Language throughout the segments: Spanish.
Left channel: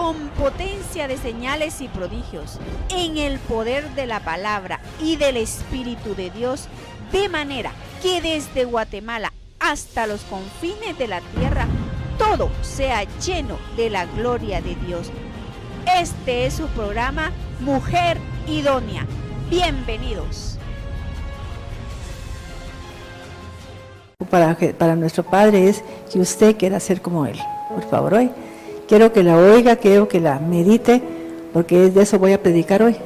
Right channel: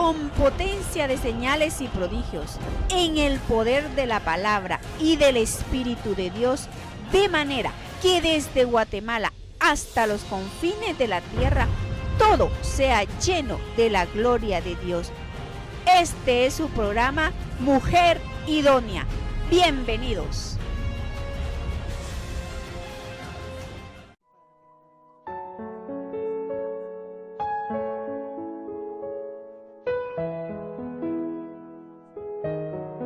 con potencia de señales y prodigios, en el poder de la palabra y del Espíritu de Dios, de manera que desde Guatemala hasta los confines de la tierra, todo sea lleno de la gloria de Dios. Este es su programa Mujer Idónea. Bienvenidos. Para nuestro Padre es que usted quiera ser como Él. Por favor, hoy quiero que la oiga, quiero que la medite, porque de eso voy a predicar hoy.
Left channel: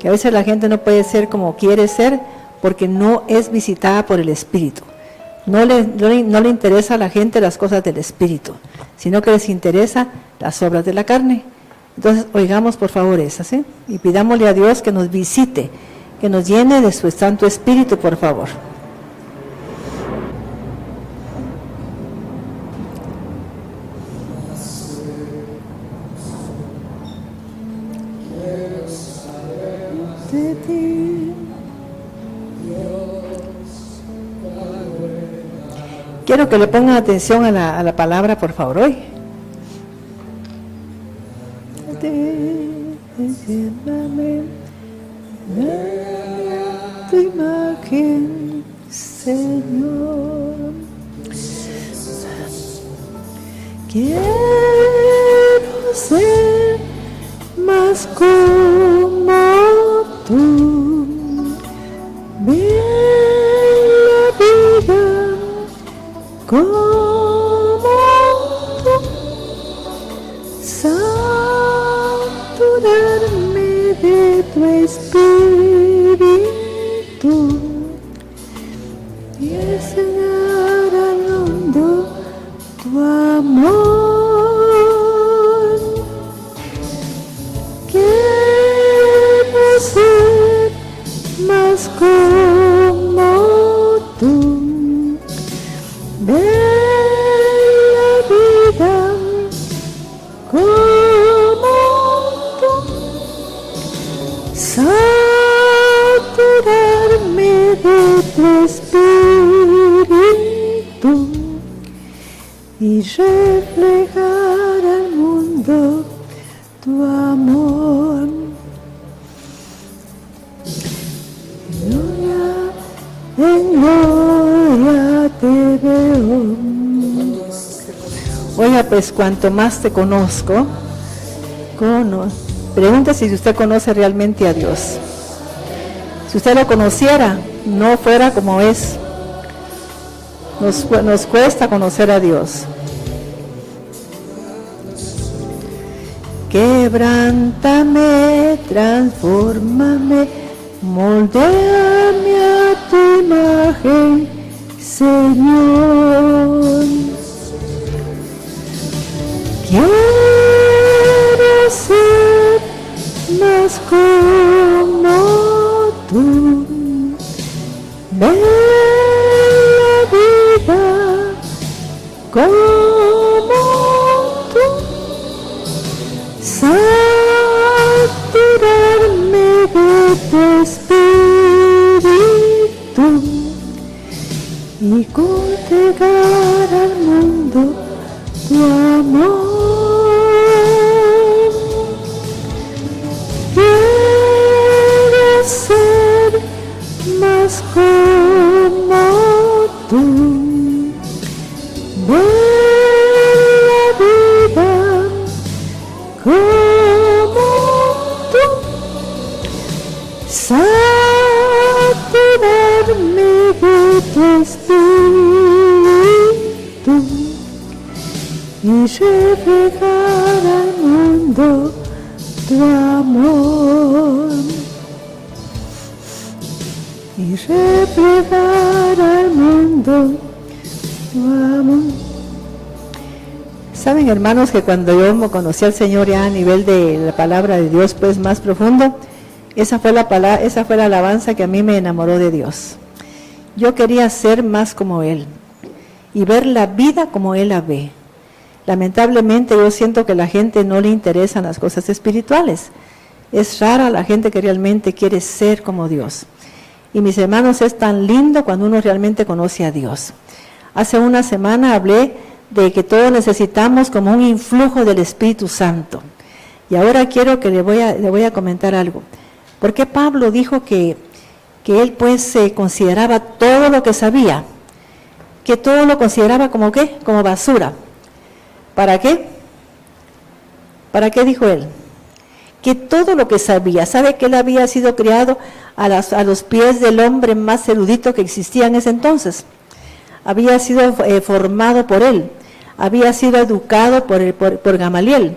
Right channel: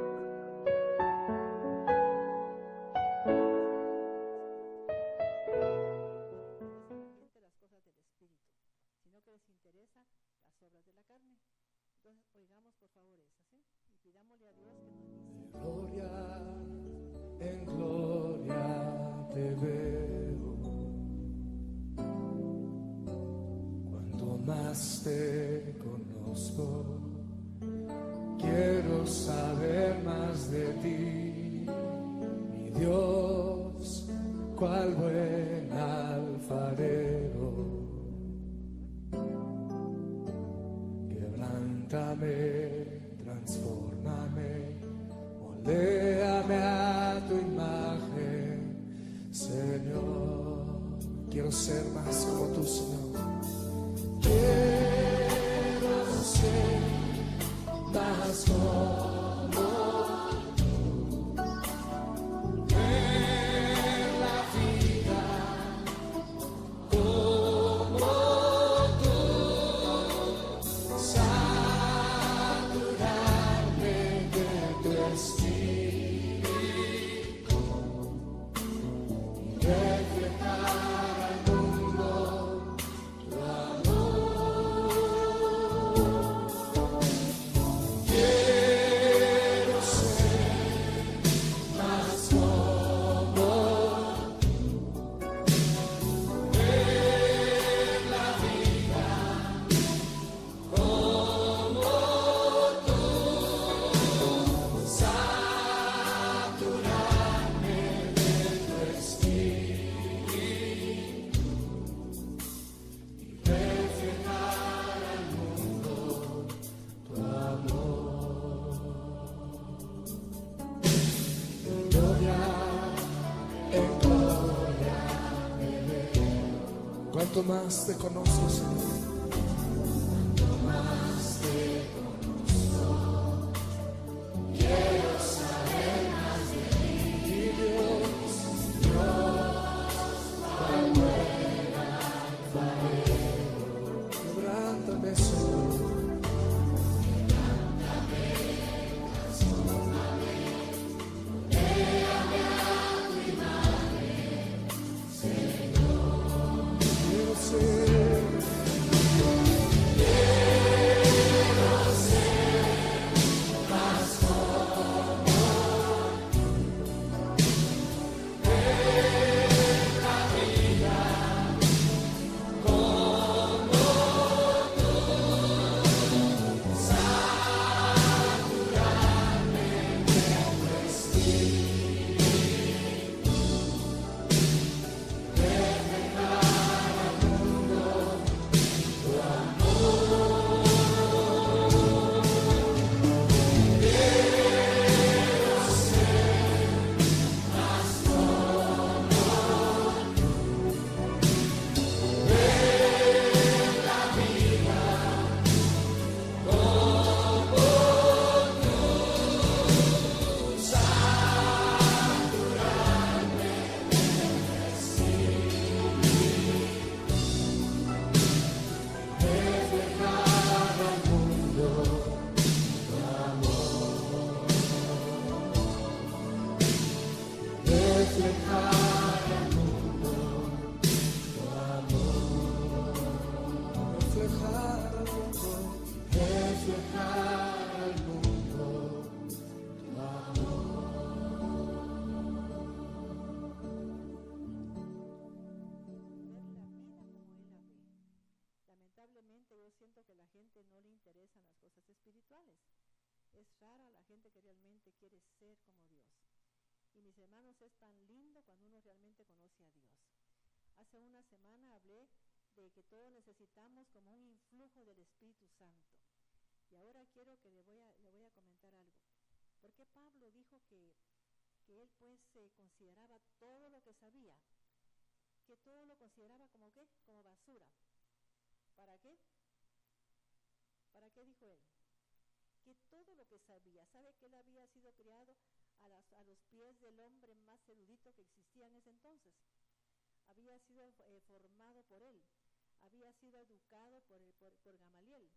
Que a veces la gente no puede ser como quiere ser, porque no es visitada por el Espíritu. No le interesa a la gente las cosas del Espíritu, sino que les interesa las obras de la carne. Entonces, oigamos por favor esas, ¿sí? Y pidámosle a Dios que nos visite, que nos llene de su Santo Espíritu, por favor. Quiero que le pongan atención a la palabra, por favor, hoy. Tu imagen, Señor. Quiero ser más como tú. Ve la vida como tú, saturarme de tu Espíritu y enseñar al mundo tu amor. Quiero ser más como tú. Ve la vida como tú, saturarme de tu Espíritu y reflejar al mundo tu amor. Gloria en gloria te veo. Oiga, pues cuanto más te conozco, pregunta si usted conoce realmente a Dios. Si usted lo conociera, no fuera como es. Nos cuesta conocer a Dios. Quebrántame, transfórmame, moldéame a tu imagen, Señor. Quiero ser más como tú. Ve la vida como tú. Saturarme de tu Espíritu y congregar al mundo tu amor. Quiero ser más como tú. Ve la vida como tú. Saturarme de tu Espíritu y reflejar al mundo tu amor. Y reflejar al mundo tu amor. Saben, hermanos, que cuando yo conocí al Señor ya a nivel de la palabra de Dios, pues más profundo, esa fue la alabanza que a mí me enamoró de Dios. Yo quería ser más como Él y ver la vida como Él la ve. Lamentablemente yo siento que a la gente no le interesan las cosas espirituales. Es rara la gente que realmente quiere ser como Dios. Y mis hermanos, es tan lindo cuando uno realmente conoce a Dios. Hace una semana hablé de que todos necesitamos como un influjo del Espíritu Santo. Y ahora quiero que le voy a comentar algo. ¿Por qué Pablo dijo que él pues se consideraba todo lo que sabía? Que todo lo consideraba como ¿qué? Como basura. ¿Para qué? ¿Para qué dijo él? Que todo lo que sabía, sabe que él había sido criado a los pies del hombre más erudito que existía en ese entonces. Había sido formado por él, había sido educado por Gamaliel,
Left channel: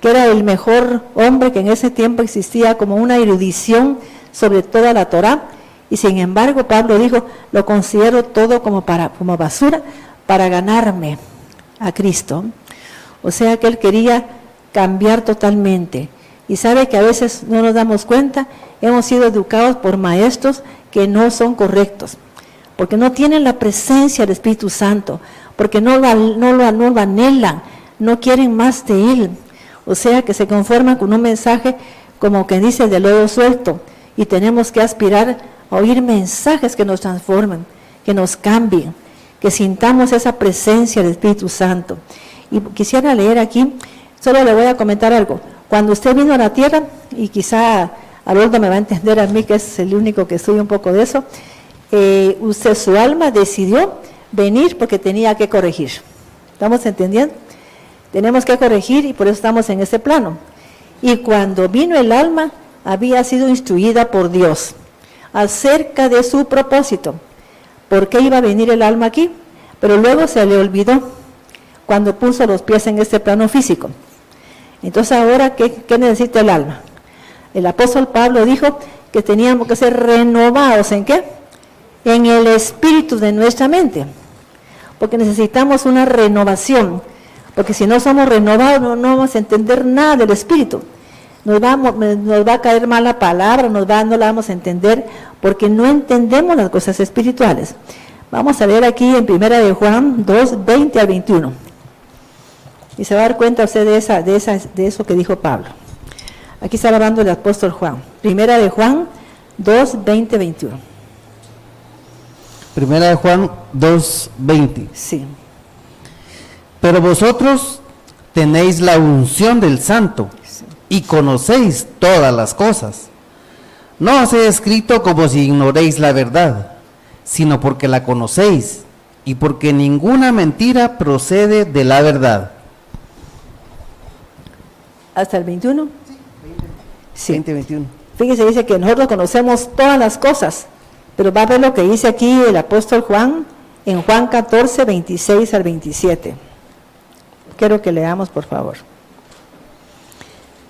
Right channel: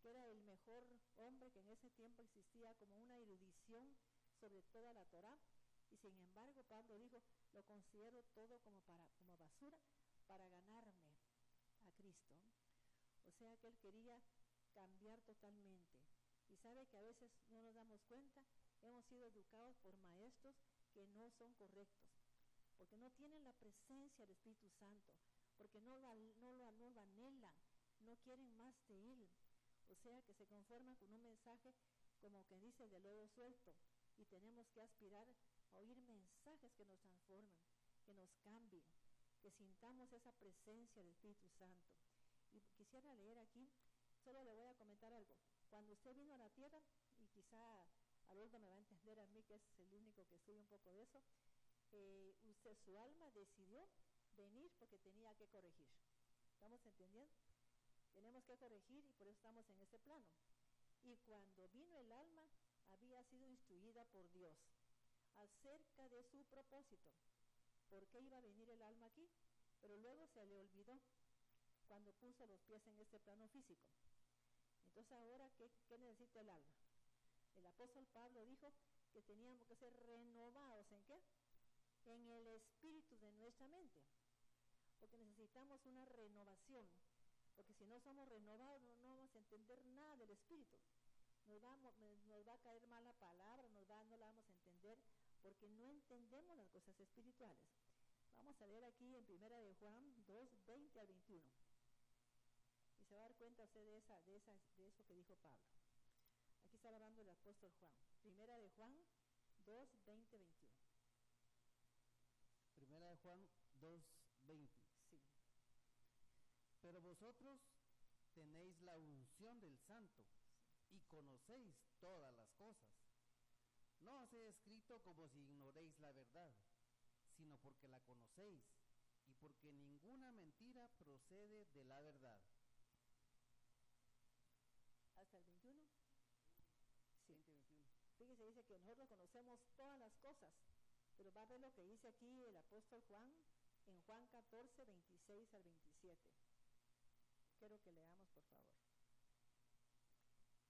que era el mejor hombre que en ese tiempo existía, como una erudición sobre toda la Torá, y sin embargo Pablo dijo, lo considero todo como basura para ganarme a Cristo. O sea que él quería cambiar totalmente. Y sabe que a veces no nos damos cuenta, hemos sido educados por maestros que no son correctos, porque no tienen la presencia del Espíritu Santo, porque no lo anhelan, no quieren más de Él. O sea que se conforman con un mensaje como que dice de lodo suelto, y tenemos que aspirar a oír mensajes que nos transformen, que nos cambien, que sintamos esa presencia del Espíritu Santo. Y quisiera leer aquí, solo le voy a comentar algo. Cuando usted vino a la tierra, y quizá Haroldo me va a entender a mí, que es el único que estudia un poco de eso, su alma decidió venir porque tenía que corregir. ¿Estamos entendiendo? Tenemos que corregir y por eso estamos en ese plano. Y cuando vino el alma, había sido instruida por Dios acerca de su propósito. ¿Por qué iba a venir el alma aquí? Pero luego se le olvidó cuando puso los pies en este plano físico. Entonces ahora, ¿qué necesita el alma? El apóstol Pablo dijo que teníamos que ser renovados, ¿en qué? En el espíritu de nuestra mente, porque necesitamos una renovación, porque si no somos renovados no vamos a entender nada del espíritu, nos va a caer mal la palabra, no la vamos a entender, porque no entendemos las cosas espirituales. Vamos a leer aquí en 1 de Juan 2, 20 al 21, y se va a dar cuenta usted de eso que dijo Pablo. Aquí está hablando el apóstol Juan, 1 de Juan 2, 20, 21. Primera de Juan 2:20. Sí. Pero vosotros tenéis la unción del Santo y conocéis todas las cosas. No os he escrito como si ignoréis la verdad, sino porque la conocéis y porque ninguna mentira procede de la verdad. ¿Hasta el 21? Sí. 20:21. Fíjese, dice que nosotros conocemos todas las cosas, pero va a ver lo que dice aquí el apóstol Juan, en Juan 14, 26 al 27. Quiero que leamos, por favor.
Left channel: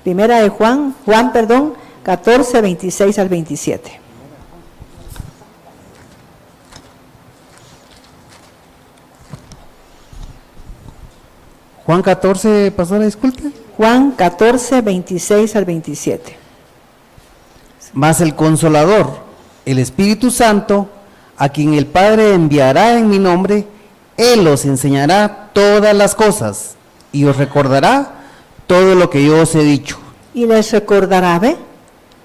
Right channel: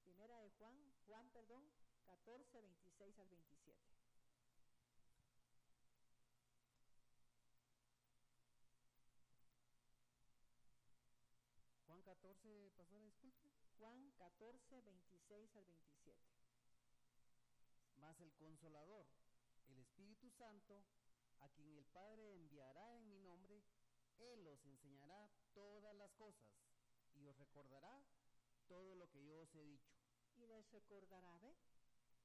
Primera de Juan 14, 26 al 27. Juan 14, pastora, disculpe. Juan 14, 26 al 27. Mas el Consolador, el Espíritu Santo, a quien el Padre enviará en mi nombre, Él os enseñará todas las cosas y os recordará todo lo que yo os he dicho. Y les recordará, ¿ve?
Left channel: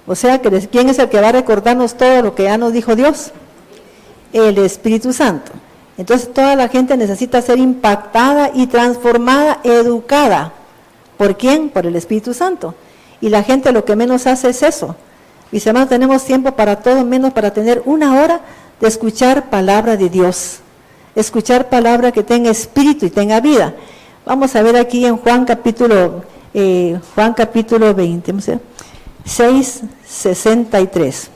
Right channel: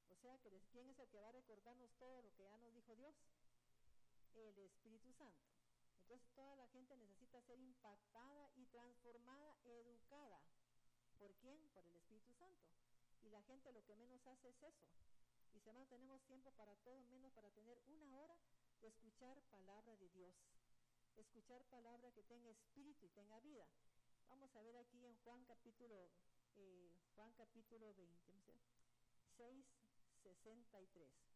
O sea, ¿quién es el que va a recordarnos todo lo que ya nos dijo Dios? El Espíritu Santo. Entonces toda la gente necesita ser impactada y transformada, educada. ¿Por quién? Por el Espíritu Santo. Y la gente lo que menos hace es eso. Mis hermanos, tenemos tiempo para todo, menos para tener una hora de escuchar palabra de Dios. Escuchar palabra que tenga espíritu y tenga vida. Vamos a ver aquí en Juan capítulo 20, 6, 63.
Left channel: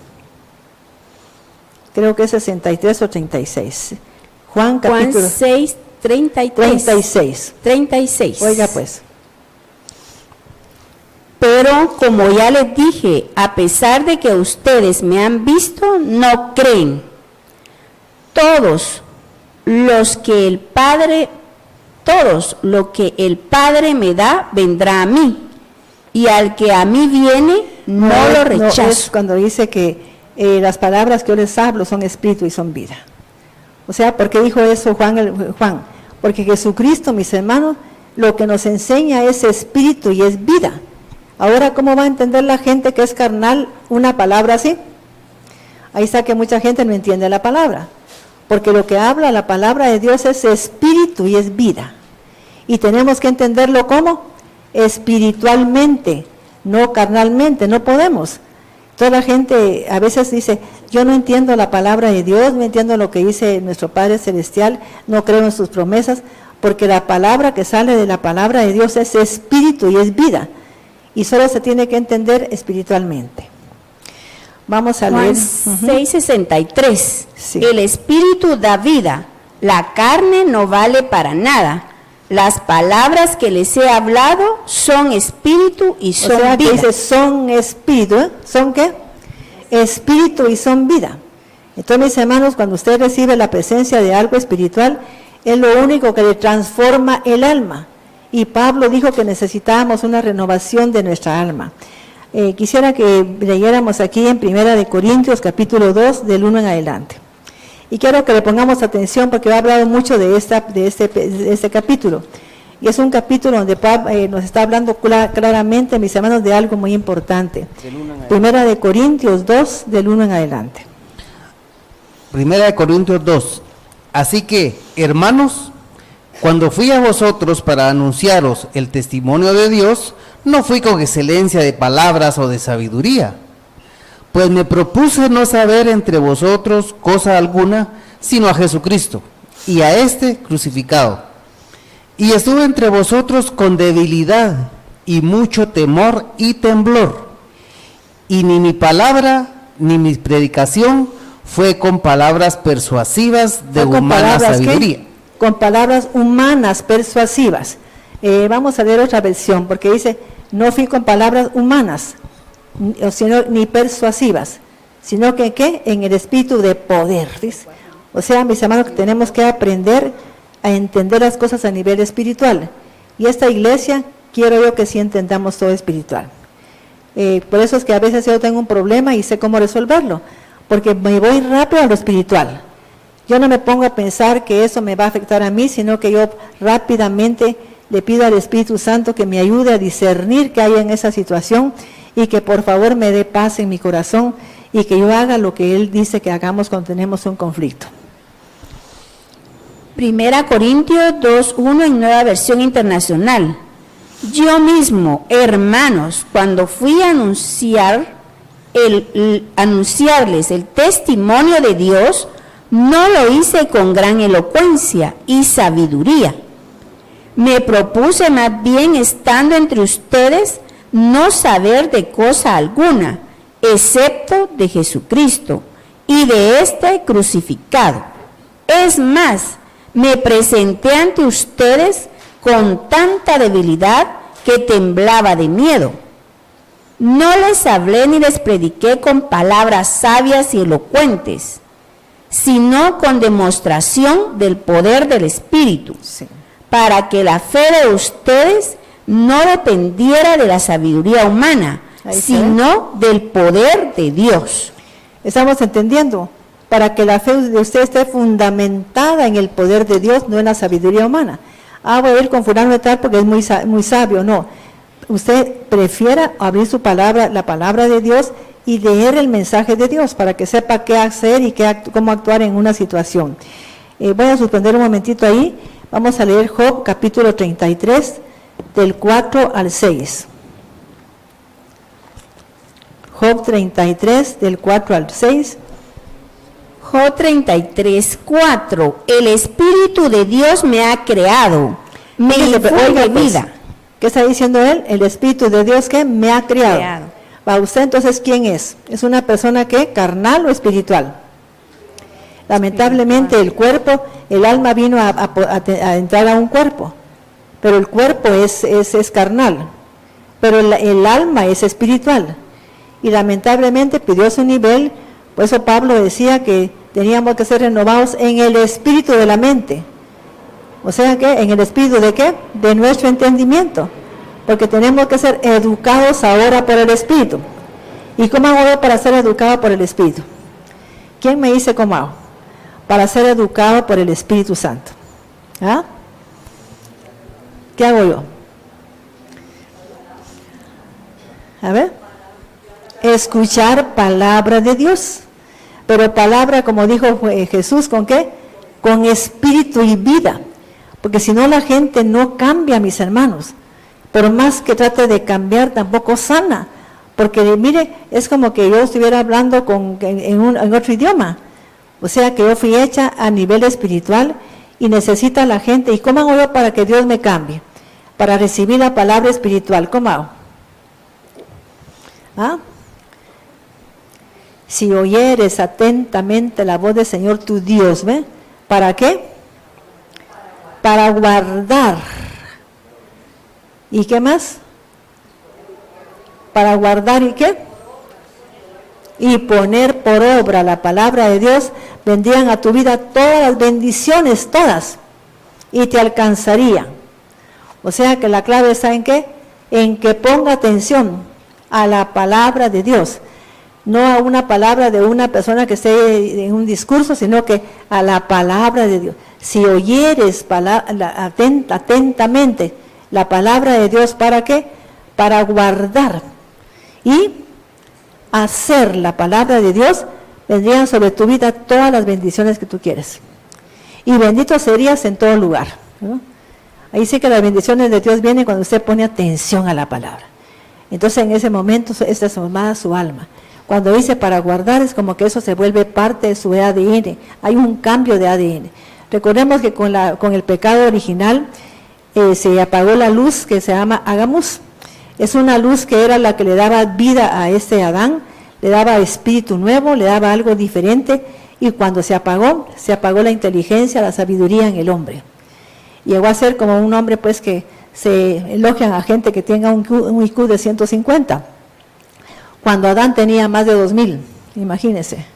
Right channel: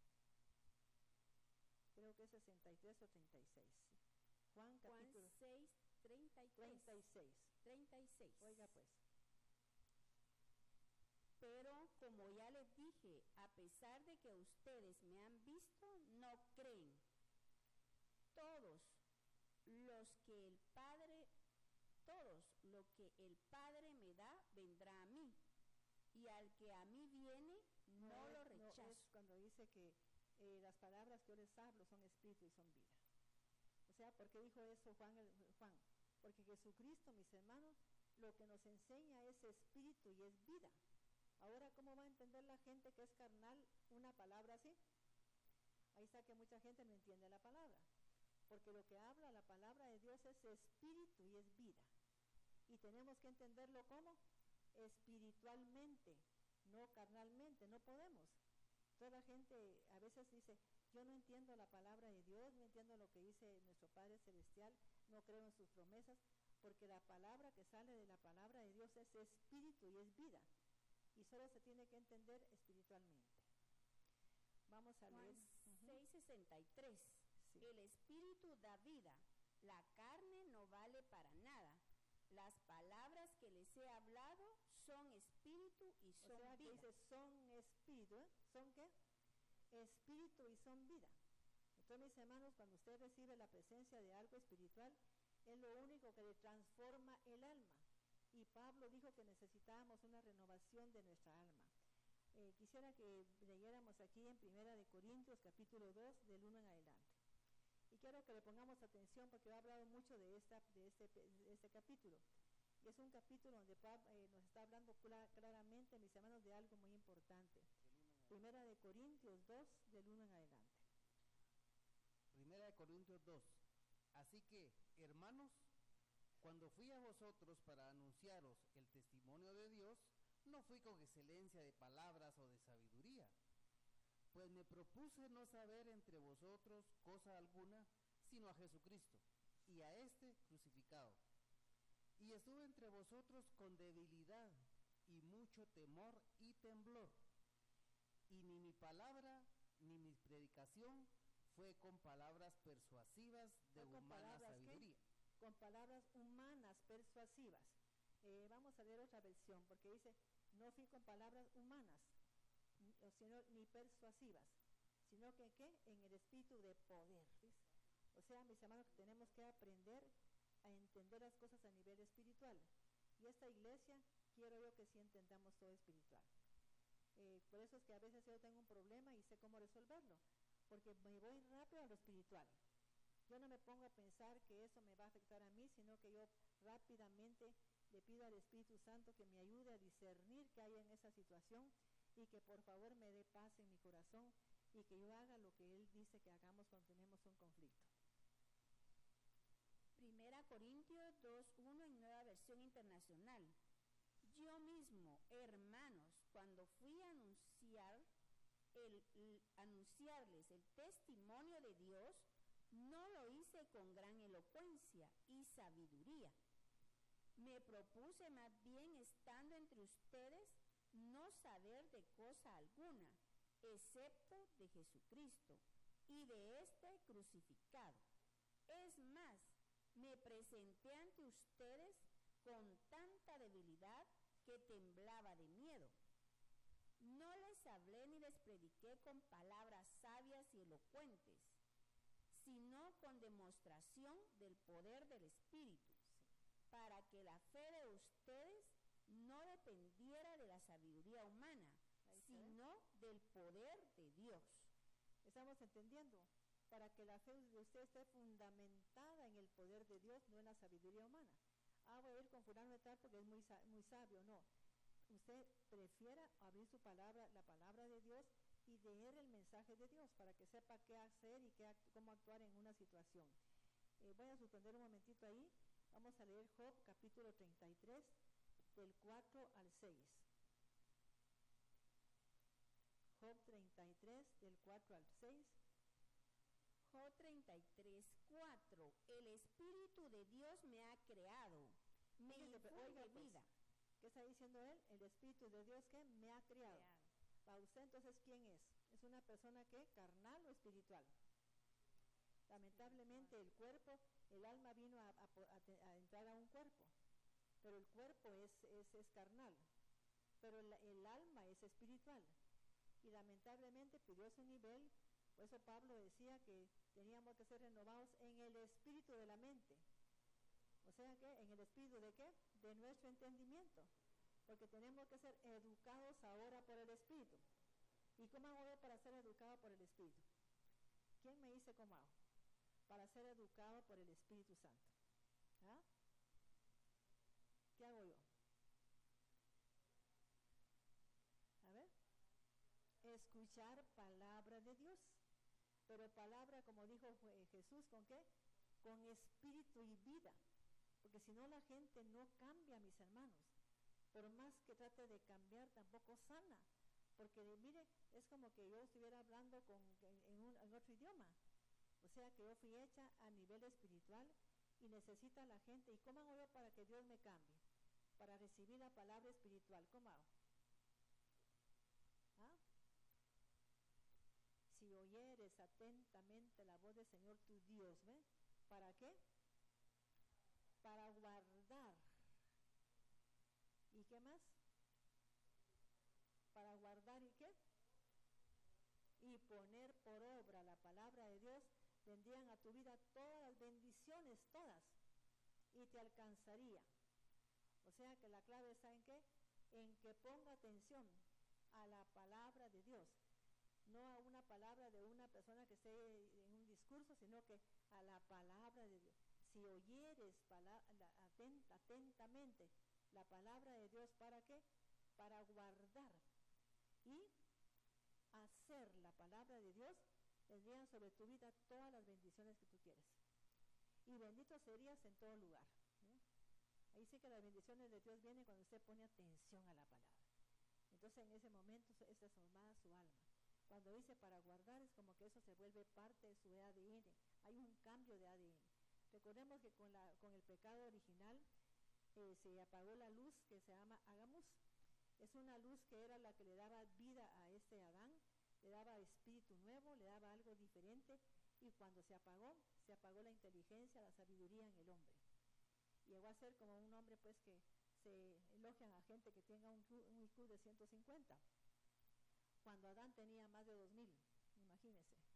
Creo que es 63 o 36. Juan 6, 33. 36. Oiga pues. Pero como ya les dije, a pesar de que ustedes me han visto, no creen. Todos lo que el Padre me da, vendrá a mí. Y al que a mí viene, no lo rechazo. No, es cuando dice que las palabras que yo les hablo son espíritu y son vida. O sea, ¿por qué dijo eso Juan? Porque Jesucristo, mis hermanos, lo que nos enseña es espíritu y es vida. Ahora, ¿cómo va a entender la gente que es carnal una palabra así? Ahí está que mucha gente no entiende la palabra. Porque lo que habla la palabra de Dios es espíritu y es vida. Y tenemos que entenderlo ¿cómo? Espiritualmente. no carnalmente, no podemos. Toda la gente a veces dice, yo no entiendo la palabra de Dios, no entiendo lo que dice nuestro Padre Celestial, no creo en sus promesas, porque la palabra que sale de la palabra de Dios es espíritu y es vida, y solo se tiene que entender espiritualmente. Vamos a leer. Juan 6:63. Sí. El espíritu da vida, la carne no vale para nada. Las palabras que les he hablado son espíritu y son O sea, que vida. dice son espíritu, ¿eh? ¿Son qué? Espíritu y son vida. Entonces, mis hermanos, cuando usted recibe la presencia de algo espiritual, es lo único que le transforma el alma. Y Pablo dijo que necesitábamos una renovación de nuestra alma. Quisiera que leyéramos aquí en 1 Corintios capítulo 2, del 1 en adelante. Y quiero que le pongamos atención porque he hablado mucho de este capítulo. Y es un capítulo donde Pablo nos está hablando claramente, mis hermanos, de algo muy importante. 1 Corintios 2, del 1 en adelante. 1 Corintios 2. Así que, hermanos, cuando fui a vosotros para anunciaros el testimonio de Dios, no fui con excelencia de palabras o de sabiduría, pues me propuse no saber entre vosotros cosa alguna, sino a Jesucristo, y a este crucificado. Y estuve entre vosotros con debilidad, y mucho temor y temblor. Y ni mi palabra, ni mi predicación, fue con palabras persuasivas de humana sabiduría. ¿Qué? Con palabras humanas persuasivas. Vamos a leer otra versión, porque dice, no fui con palabras humanas, ni persuasivas, sino que ¿qué? En el espíritu de poder, ¿ves? O sea, mis hermanos, que tenemos que aprender a entender las cosas a nivel espiritual. Y esta iglesia, quiero yo que sí entendamos todo espiritual. Por eso es que a veces yo tengo un problema y sé cómo resolverlo, porque me voy rápido a lo espiritual. Yo no me pongo a pensar que eso me va a afectar a mí, sino que yo rápidamente le pido al Espíritu Santo que me ayude a discernir qué hay en esa situación y que por favor me dé paz en mi corazón y que yo haga lo que Él dice que hagamos cuando tenemos un conflicto. 1 Corintios 2:1 en Nueva Versión Internacional. Yo mismo, hermanos, cuando fui a anunciarles el testimonio de Dios, no lo hice con gran elocuencia y sabiduría. Me propuse más bien, estando entre ustedes, no saber de cosa alguna, excepto de Jesucristo y de este crucificado. Es más, me presenté ante ustedes con tanta debilidad que temblaba de miedo. No les hablé ni les prediqué con palabras sabias y elocuentes, sino con demostración del poder del Espíritu, Sí. para que la fe de ustedes no dependiera de la sabiduría humana, Ahí está. sino del poder de Dios. ¿Estamos entendiendo? Para que la fe de usted esté fundamentada en el poder de Dios, no en la sabiduría humana. Voy a ir con fulano de tal porque es muy sabio. No, usted prefiera abrir su palabra, la palabra de Dios, y leer el mensaje de Dios para que sepa qué hacer y cómo actuar en una situación. Voy a suspender un momentito ahí. Vamos a leer Job capítulo 33, del 4 al 6. Job 33, del 4 al 6. Job 33:4. El Espíritu de Dios me ha creado, me infunde Oiga, pues, vida. ¿qué está diciendo él? El Espíritu de Dios que me ha creado. ¿Para usted entonces quién es? ¿Es una persona que carnal o espiritual? Lamentablemente el cuerpo, el alma vino a entrar a un cuerpo, pero el cuerpo es carnal, pero el alma es espiritual. Y lamentablemente pidió su nivel, por eso Pablo decía que teníamos que ser renovados en el espíritu de la mente. O sea que, ¿en el espíritu de qué? De nuestro entendimiento. Porque tenemos que ser educados ahora por el Espíritu. ¿Y cómo hago yo para ser educado por el Espíritu? ¿Quién me dice cómo hago? Para ser educado por el Espíritu Santo. ¿Ah? ¿Qué hago yo? A ver. Escuchar palabra de Dios. Pero palabra, como dijo Jesús, ¿con qué? Con espíritu y vida. Porque si no la gente no cambia, mis hermanos. Por más que trate de cambiar, tampoco sana. Porque mire, es como que yo estuviera hablando en otro idioma. O sea que yo fui hecha a nivel espiritual y necesita la gente. ¿Y cómo hago yo para que Dios me cambie? Para recibir la palabra espiritual. ¿Cómo hago? ¿Ah? Si oyeres atentamente la voz del Señor tu Dios, ¿ve? ¿Para qué? Para guardar. ¿Y qué más? Para guardar ¿y qué? Y poner por obra la palabra de Dios, vendrían a tu vida todas las bendiciones, todas, y te alcanzarían. O sea que la clave está en qué? En que ponga atención a la palabra de Dios, no a una palabra de una persona que esté en un discurso, sino que a la palabra de Dios. Si oyeres atentamente la palabra de Dios, ¿para qué? Para guardar y hacer la palabra de Dios, vendrían sobre tu vida todas las bendiciones que tú quieres. Y bendito serías en todo lugar, ¿no? Ahí sí que las bendiciones de Dios vienen cuando usted pone atención a la palabra. Entonces en ese momento es transformada su alma. Cuando dice para guardar, es como que eso se vuelve parte de su ADN. Hay un cambio de ADN. Recordemos que con el pecado original se apagó la luz que se llama Agamus. Es una luz que era la que le daba vida a este Adán, le daba espíritu nuevo, le daba algo diferente, y cuando se apagó la inteligencia, la sabiduría en el hombre. Llegó a ser como un hombre pues que se elogian a gente que tenga un IQ de 150, cuando Adán tenía más de 2000, imagínense.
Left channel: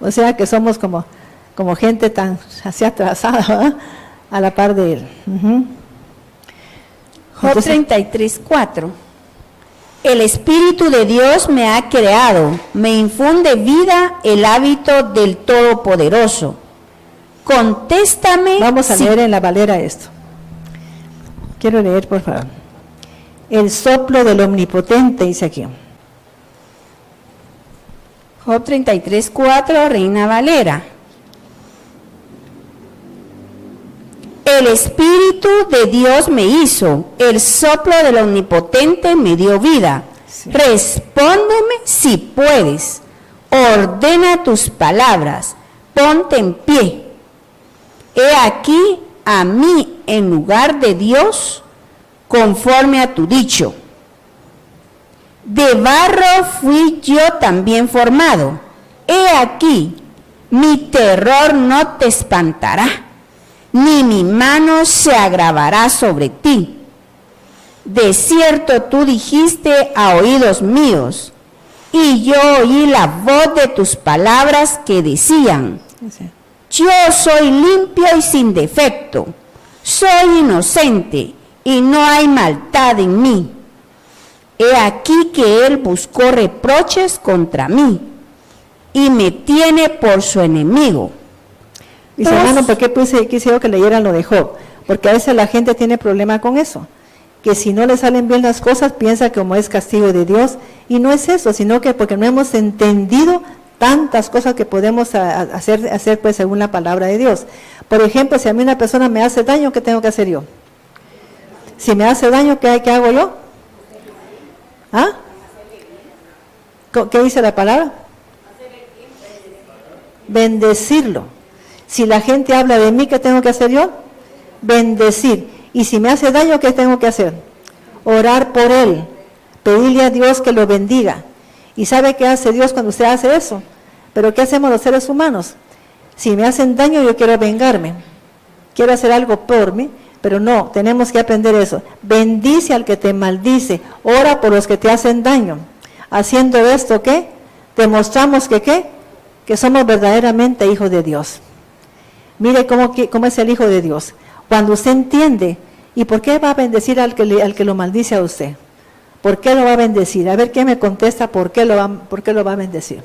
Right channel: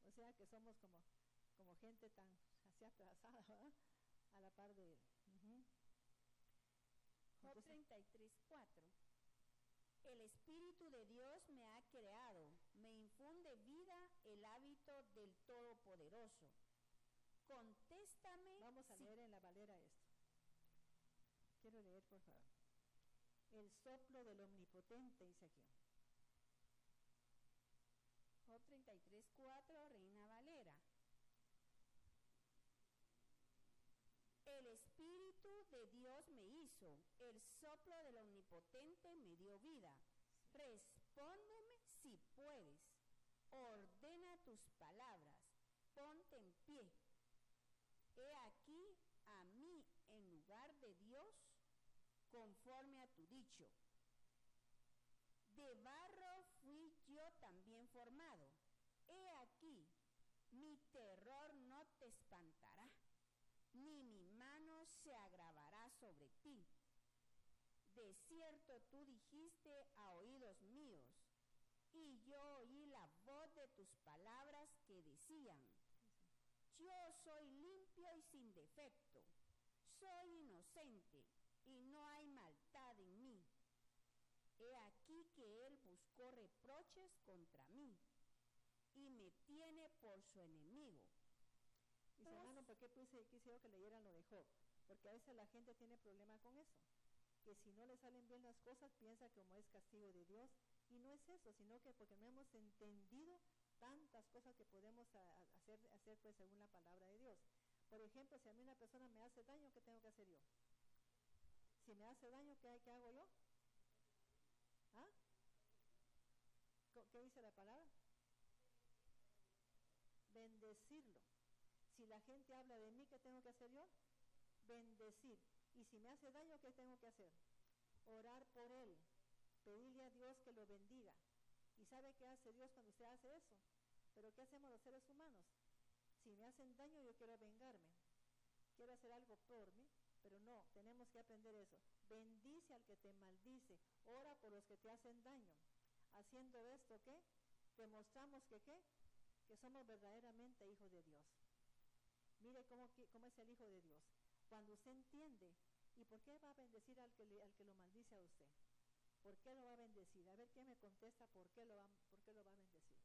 O sea que somos como gente tan así atrasada, ¿verdad? A la par de él. Job 33:4. El Espíritu de Dios me ha creado, me infunde vida el hábito del Todopoderoso. Contéstame. Vamos a leer en la Valera esto. Quiero leer, por favor. El soplo del Omnipotente, dice aquí. Job 33:4, Reina Valera. El Espíritu de Dios me hizo, el soplo del Omnipotente me dio vida. Sí. Respóndeme si puedes, ordena tus palabras, ponte en pie. He aquí a mí en lugar de Dios, conforme a tu dicho. De barro fui yo también formado. He aquí, mi terror no te espantará, ni mi mano se agravará sobre ti. De cierto tú dijiste a oídos míos, y yo oí la voz de tus palabras que decían, yo soy limpio y sin defecto, soy inocente y no hay maldad en mí. He aquí que él buscó reproches contra mí y me tiene por su enemigo. Dice, hermano, ¿por qué quise yo que leyeran lo de Job? Porque a veces la gente tiene problema con eso, que si no le salen bien las cosas, piensa que como es castigo de Dios, y no es eso, sino que porque no hemos entendido tantas cosas que podemos hacer pues según la palabra de Dios. Por ejemplo, si a mí una persona me hace daño, ¿qué tengo que hacer yo? Si me hace daño, ¿qué hago yo? ¿Ah? ¿Qué dice la palabra? Bendecirlo. Si la gente habla de mí, ¿qué tengo que hacer yo? Bendecir. Y si me hace daño, ¿qué tengo que hacer? Orar por él, pedirle a Dios que lo bendiga. ¿Y sabe qué hace Dios cuando usted hace eso? Pero ¿qué hacemos los seres humanos? Si me hacen daño, yo quiero vengarme, quiero hacer algo por mí, pero no, tenemos que aprender eso. Bendice al que te maldice, ora por los que te hacen daño. Haciendo esto, ¿qué? Demostramos que ¿qué? Que somos verdaderamente hijos de Dios. Mire cómo es el Hijo de Dios. Cuando usted entiende, ¿y por qué va a bendecir al que lo maldice a usted? ¿Por qué lo va a bendecir? A ver qué me contesta, ¿por qué lo va a bendecir?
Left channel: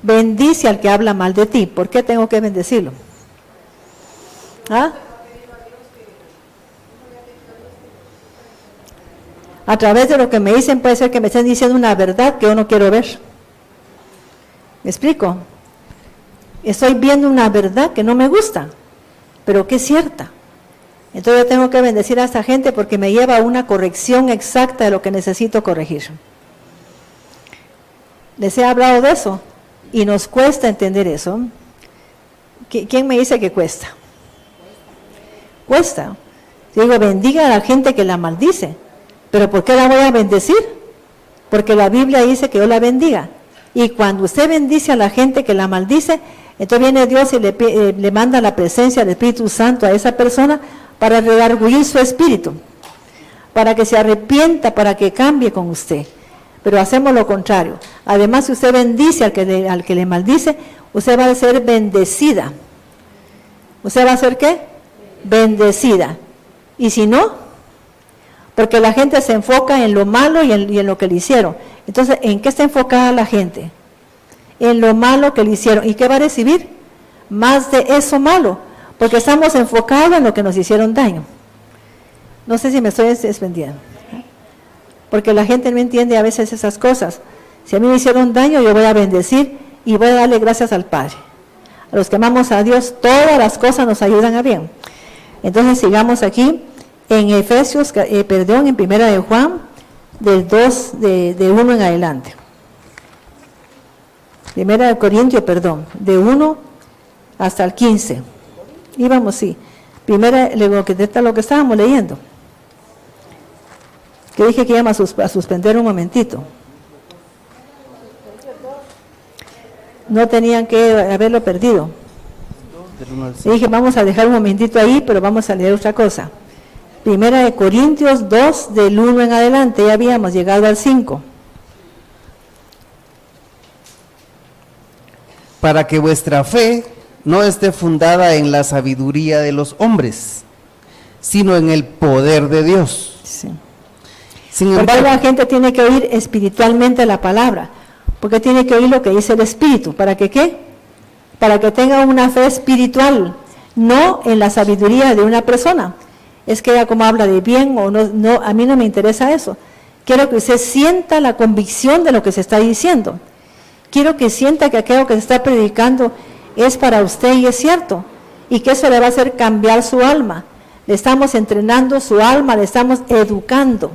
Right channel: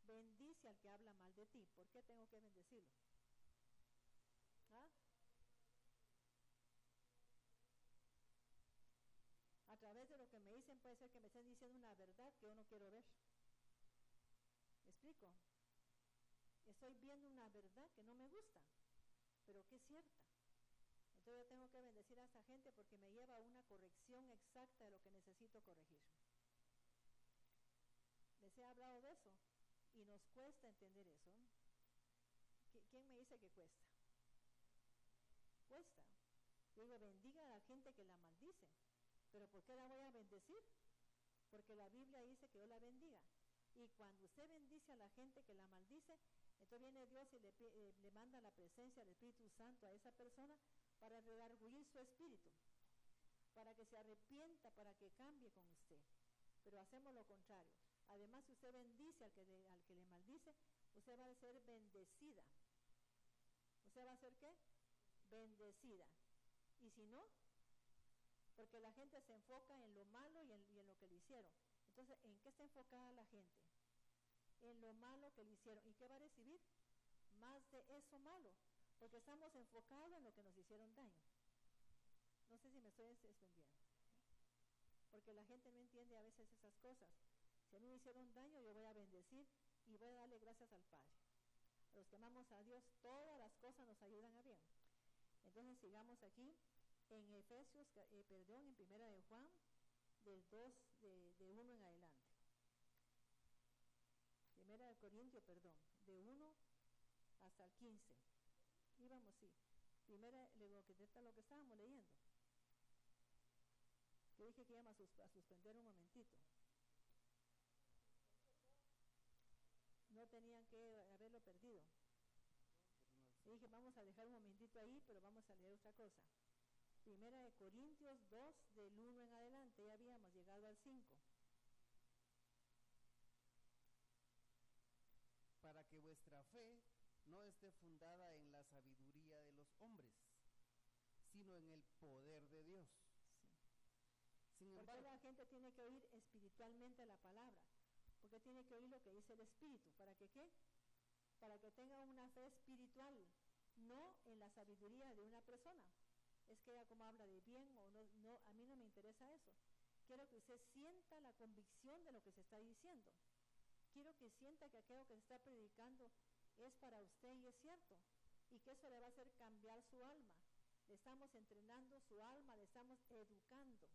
Bendice al que habla mal de ti. ¿Por qué tengo que bendecirlo? ¿Ah? A través de lo que me dicen puede ser que me estén diciendo una verdad que yo no quiero ver. ¿Me explico? Estoy viendo una verdad que no me gusta, pero que es cierta. Entonces yo tengo que bendecir a esta gente porque me lleva a una corrección exacta de lo que necesito corregir. Les he hablado de eso y nos cuesta entender eso. ¿Quién me dice que cuesta? Cuesta. Yo digo, bendiga a la gente que la maldice. ¿Pero por qué la voy a bendecir? Porque la Biblia dice que yo la bendiga. Y cuando usted bendice a la gente que la maldice, entonces viene Dios y le manda la presencia del Espíritu Santo a esa persona para redarguir su espíritu, para que se arrepienta, para que cambie con usted. Pero hacemos lo contrario. Además, si usted bendice al que le maldice, usted va a ser bendecida. ¿Usted va a ser qué? Bendecida. Y si no, porque la gente se enfoca en lo malo y en lo que le hicieron. Entonces, ¿en qué está enfocada la gente? En lo malo que le hicieron. ¿Y qué va a recibir? Más de eso malo, porque estamos enfocados en lo que nos hicieron daño. No sé si me estoy extendiendo, porque la gente no entiende a veces esas cosas. Si a mí me hicieron daño, yo voy a bendecir y voy a darle gracias al Padre. A los que amamos a Dios, todas las cosas nos ayudan a bien. Entonces sigamos aquí en Efesios, en Primera de Juan, del 2, de 1 en adelante. Primera de Corintios, de 1 hasta el 15. Íbamos, sí. Primera, lo que estábamos leyendo. Que dije que íbamos a suspender un momentito. No tenían que haberlo perdido. Y dije, vamos a dejar un momentito ahí, pero vamos a leer otra cosa. Primera de Corintios 2, del 1 en adelante, ya habíamos llegado al 5. Para que vuestra fe no esté fundada en la sabiduría de los hombres, sino en el poder de Dios. Sí. Sin Porque embargo, la gente tiene que oír espiritualmente la palabra, porque tiene que oír lo que dice el Espíritu. ¿Para que qué? Para que tenga una fe espiritual, no en la sabiduría de una persona. Es que ella como habla de bien o no, a mí no me interesa eso. Quiero que usted sienta la convicción de lo que se está diciendo. Quiero que sienta que aquello que se está predicando es para usted y es cierto, y que eso le va a hacer cambiar su alma. Le estamos entrenando su alma, le estamos educando.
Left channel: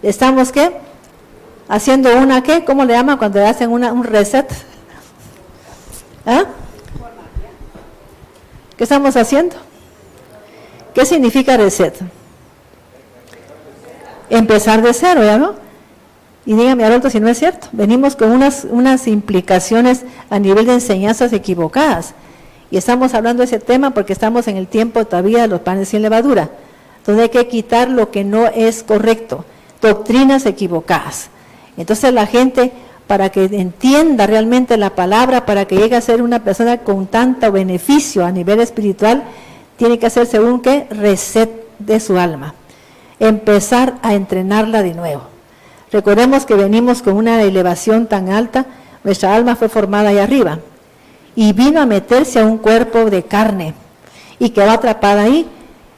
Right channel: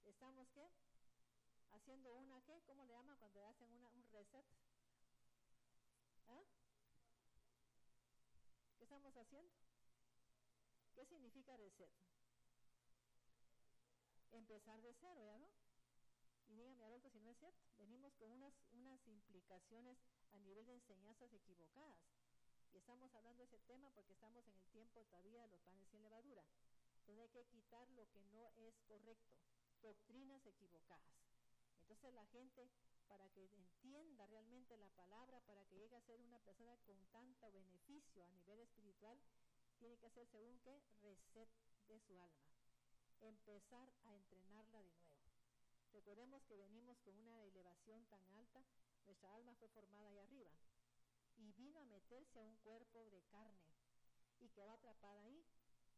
Le estamos, ¿qué? Haciendo una, ¿qué? ¿Cómo le llaman cuando le hacen un reset? ¿Ah? ¿Qué estamos haciendo? ¿Qué significa reset? Empezar de cero, ¿ya no? Y dígame, Haroldo, si no es cierto. Venimos con unas implicaciones a nivel de enseñanzas equivocadas. Y estamos hablando de ese tema porque estamos en el tiempo todavía de los panes sin levadura. Entonces hay que quitar lo que no es correcto, doctrinas equivocadas. Entonces la gente, para que entienda realmente la palabra, para que llegue a ser una persona con tanto beneficio a nivel espiritual, tiene que hacerse un ¿qué? Reset de su alma. Empezar a entrenarla de nuevo. Recordemos que venimos con una elevación tan alta, nuestra alma fue formada ahí arriba y vino a meterse a un cuerpo de carne y quedó atrapada ahí.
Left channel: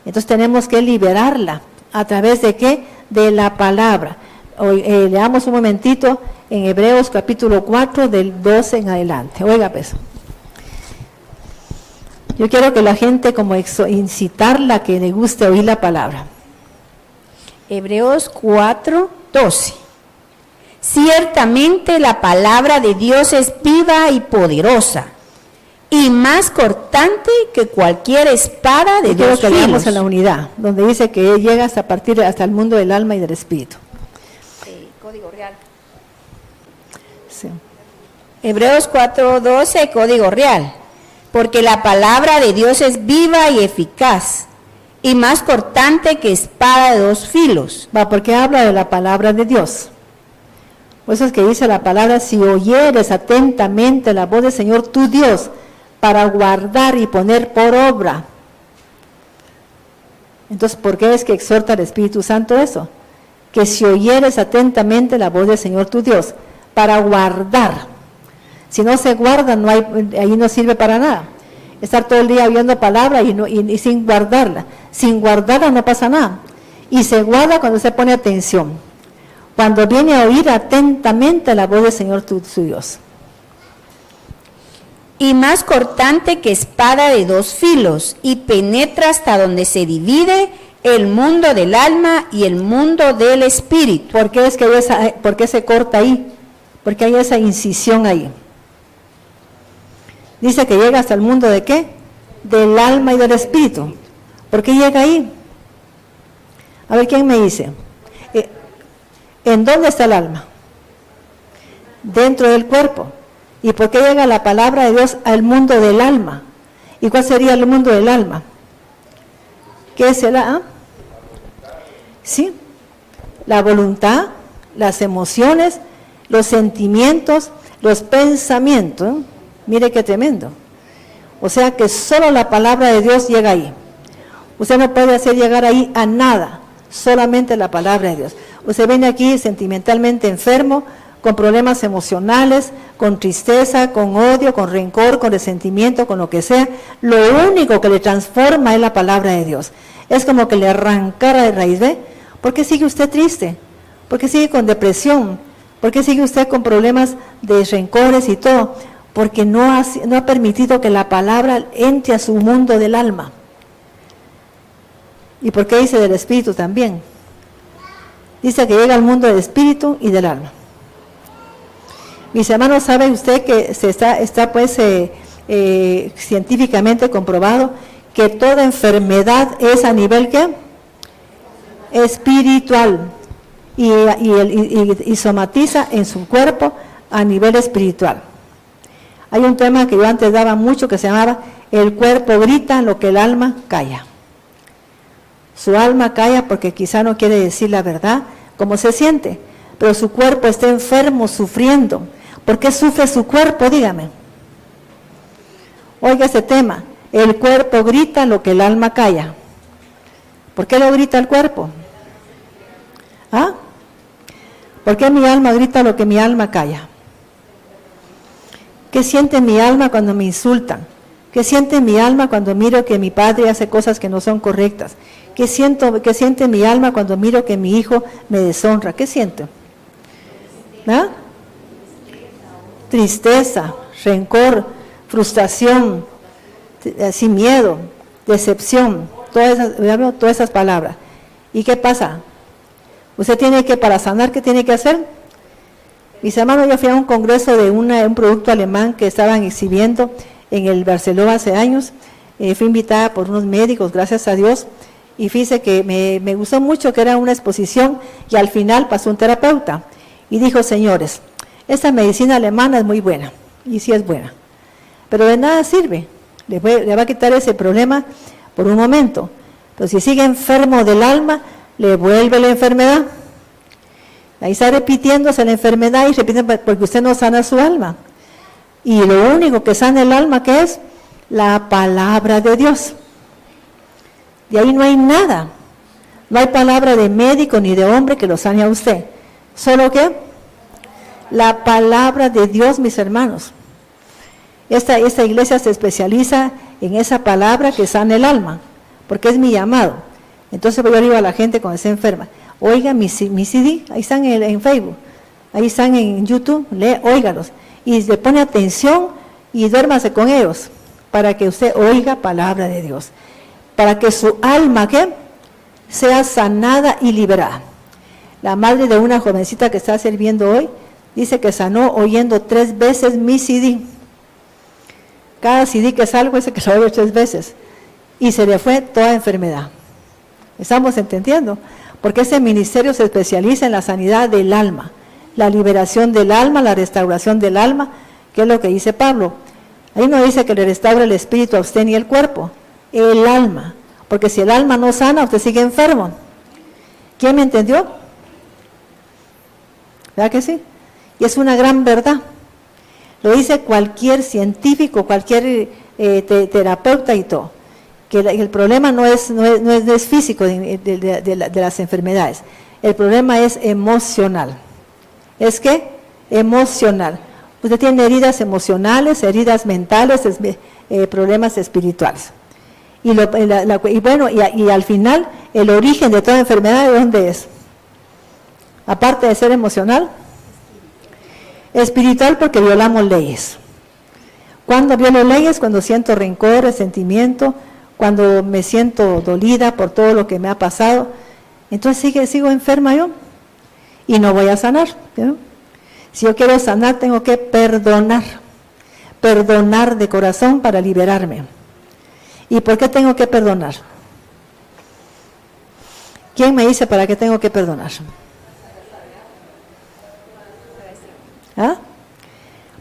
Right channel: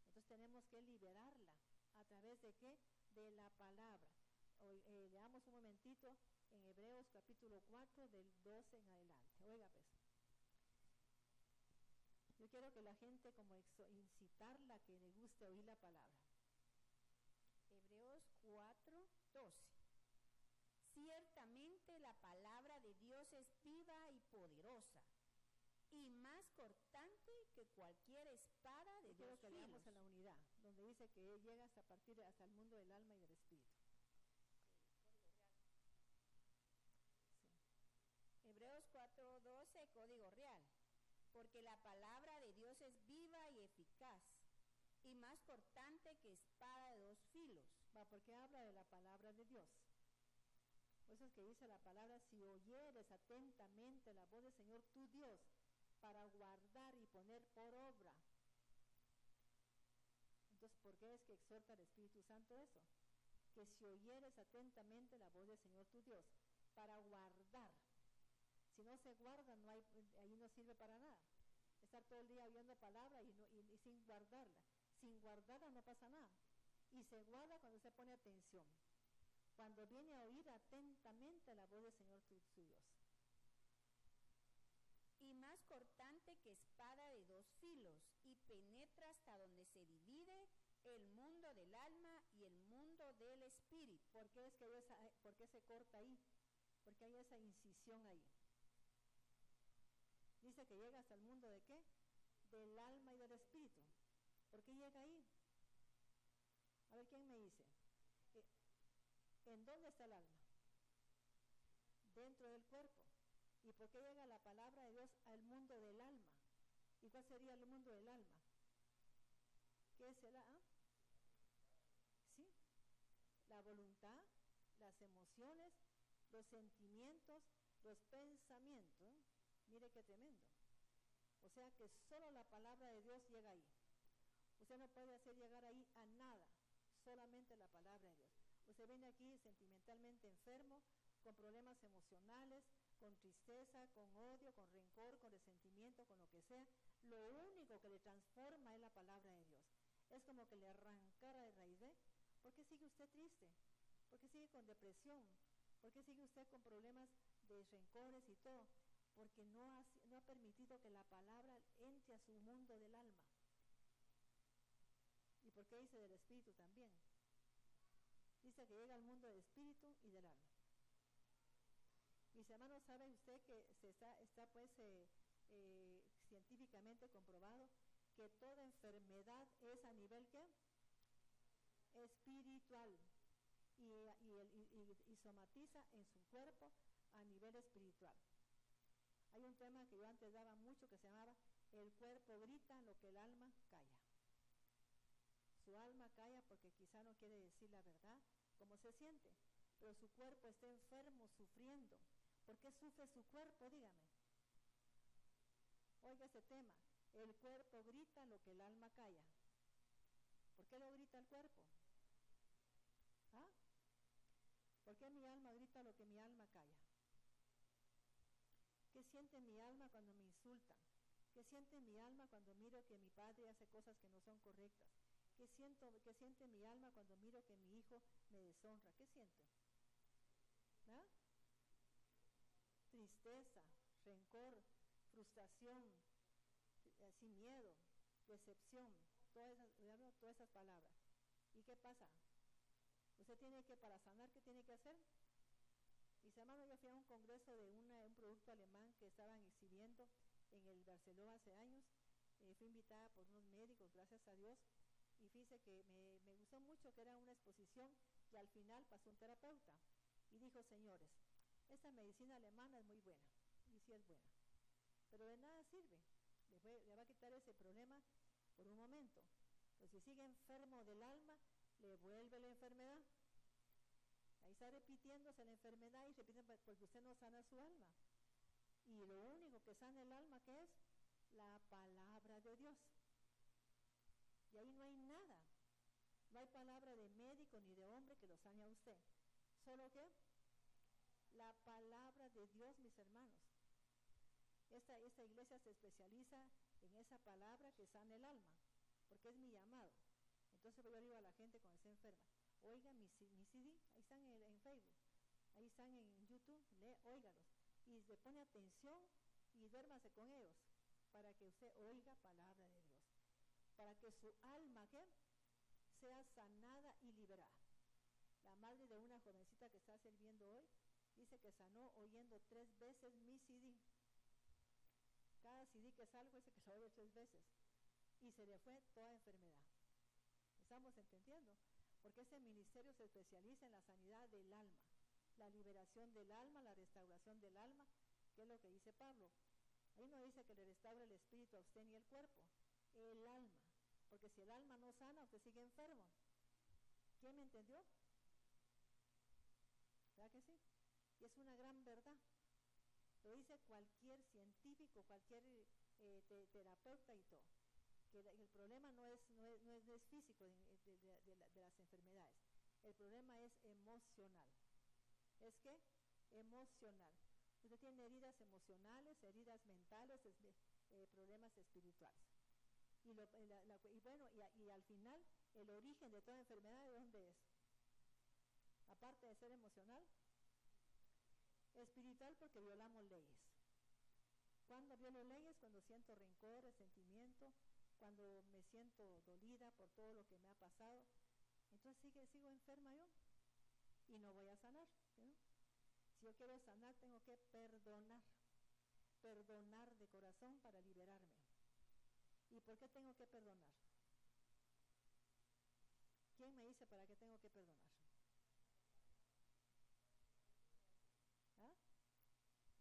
Entonces tenemos que liberarla a través de ¿qué? De la palabra. Hoy, leamos un momentito en Hebreos capítulo 4 del 12 en adelante. Oiga pues. Yo quiero que la gente como incitarla a que le guste oír la palabra. Hebreos 4, 12. Ciertamente la palabra de Dios es viva y poderosa, y más cortante que cualquier espada de dos filos. Leamos filos. en la unidad, donde dice que llega hasta partir hasta el mundo del alma y del espíritu. Código real. Sí. Hebreos 4, 12, código real. Porque la palabra de Dios es viva y eficaz, y más cortante que espada de dos filos. Va, porque habla de la palabra de Dios. Por eso es que dice la palabra, si oyeres atentamente la voz del Señor tu Dios, para guardar y poner por obra. Entonces, ¿por qué es que exhorta el Espíritu Santo eso? Que si oyeres atentamente la voz del Señor tu Dios, para guardar. Si no se guarda, ahí no sirve para nada. Estar todo el día oyendo palabra y sin guardarla. Sin guardarla no pasa nada. Y se guarda cuando se pone atención. Cuando viene a oír atentamente la voz del Señor su Dios. Y más cortante que espada de dos filos, y penetra hasta donde se divide el mundo del alma y el mundo del espíritu. ¿Por qué se corta ahí? Porque hay esa incisión ahí. Dice que llega hasta el mundo ¿de qué? Del alma y del espíritu. ¿Por qué llega ahí? A ver, ¿quién me dice? ¿En dónde está el alma? Dentro del cuerpo. ¿Y por qué llega la palabra de Dios al mundo del alma? ¿Y cuál sería el mundo del alma? ¿Qué es el alma? Sí, la voluntad, las emociones, los sentimientos, los pensamientos. Mire qué tremendo. O sea que solo la palabra de Dios llega ahí. Usted no puede hacer llegar ahí a nada, solamente la palabra de Dios. Usted viene aquí sentimentalmente enfermo, con problemas emocionales, con tristeza, con odio, con rencor, con resentimiento, con lo que sea. Lo único que le transforma es la palabra de Dios. Es como que le arrancara de raíz, ¿ve? ¿Por qué sigue usted triste? ¿Por qué sigue con depresión? ¿Por qué sigue usted con problemas de rencores y todo? Porque no ha permitido que la palabra entre a su mundo del alma. ¿Y por qué dice del espíritu también? Dice que llega al mundo del espíritu y del alma. Mis hermanos, ¿sabe usted que está científicamente comprobado que toda enfermedad es a nivel ¿qué? Espiritual y somatiza en su cuerpo a nivel espiritual? Hay un tema que yo antes daba mucho que se llamaba el cuerpo grita lo que el alma calla. Su alma calla porque quizá no quiere decir la verdad, cómo se siente, pero su cuerpo está enfermo, sufriendo. ¿Por qué sufre su cuerpo? Dígame. Oiga ese tema, el cuerpo grita lo que el alma calla. ¿Por qué lo grita el cuerpo? ¿Ah? ¿Por qué mi alma grita lo que mi alma calla? ¿Qué siente mi alma cuando me insultan? ¿Qué siente mi alma cuando miro que mi padre hace cosas que no son correctas? ¿Qué siente mi alma cuando miro que mi hijo me deshonra? ¿Qué siento? ¿Ah? Tristeza, rencor, frustración, sin miedo, decepción, todas esas palabras. ¿Y qué pasa? Usted tiene que, para sanar, ¿qué tiene que hacer? Mis hermanos, yo fui a un congreso de un producto alemán que estaban exhibiendo en el Barcelona hace años. Fui invitada por unos médicos, gracias a Dios, y fíjese que me gustó mucho que era una exposición y al final pasó un terapeuta y dijo, señores, esta medicina alemana es muy buena, y sí es buena, pero de nada sirve, le va a quitar ese problema por un momento, pero si sigue enfermo del alma, le vuelve la enfermedad. Ahí está repitiéndose la enfermedad y repite porque usted no sana su alma. Y lo único que sana el alma, ¿qué es? La palabra de Dios. De ahí no hay nada. No hay palabra de médico ni de hombre que lo sane a usted. ¿Solo qué? La palabra de Dios, mis hermanos. Esta iglesia se especializa en esa palabra que sana el alma, porque es mi llamado. Entonces yo digo a la gente cuando se enferma, oiga mi CD, ahí están en Facebook, ahí están en YouTube, óigalos. Y le pone atención y duérmase con ellos, para que usted oiga palabra de Dios. Para que su alma, ¿qué? Sea sanada y liberada. La madre de una jovencita que está sirviendo hoy, dice que sanó oyendo 3 veces mi CD. Cada CD que salgo dice que lo oye 3 veces. Y se le fue toda enfermedad. ¿Estamos entendiendo? Porque ese ministerio se especializa en la sanidad del alma, la liberación del alma, la restauración del alma, que es lo que dice Pablo. Ahí no dice que le restaura el espíritu a usted ni el cuerpo, el alma. Porque si el alma no sana, usted sigue enfermo. ¿Quién me entendió? ¿Verdad que sí? Y es una gran verdad. Lo dice cualquier científico, cualquier terapeuta y todo. Que el problema no es físico de las enfermedades. El problema es emocional. ¿Es qué? Emocional. Usted tiene heridas emocionales, heridas mentales, problemas espirituales. Y al final, el origen de toda enfermedad, ¿de dónde es? Aparte de ser emocional, espiritual, porque violamos leyes. ¿Cuándo violo leyes? Cuando siento rencor, resentimiento, cuando me siento dolida por todo lo que me ha pasado, entonces sigo enferma yo y no voy a sanar, ¿no? Si yo quiero sanar, tengo que perdonar de corazón para liberarme. ¿Y por qué tengo que perdonar? ¿Quién me dice para qué tengo que perdonar? ¿Ah?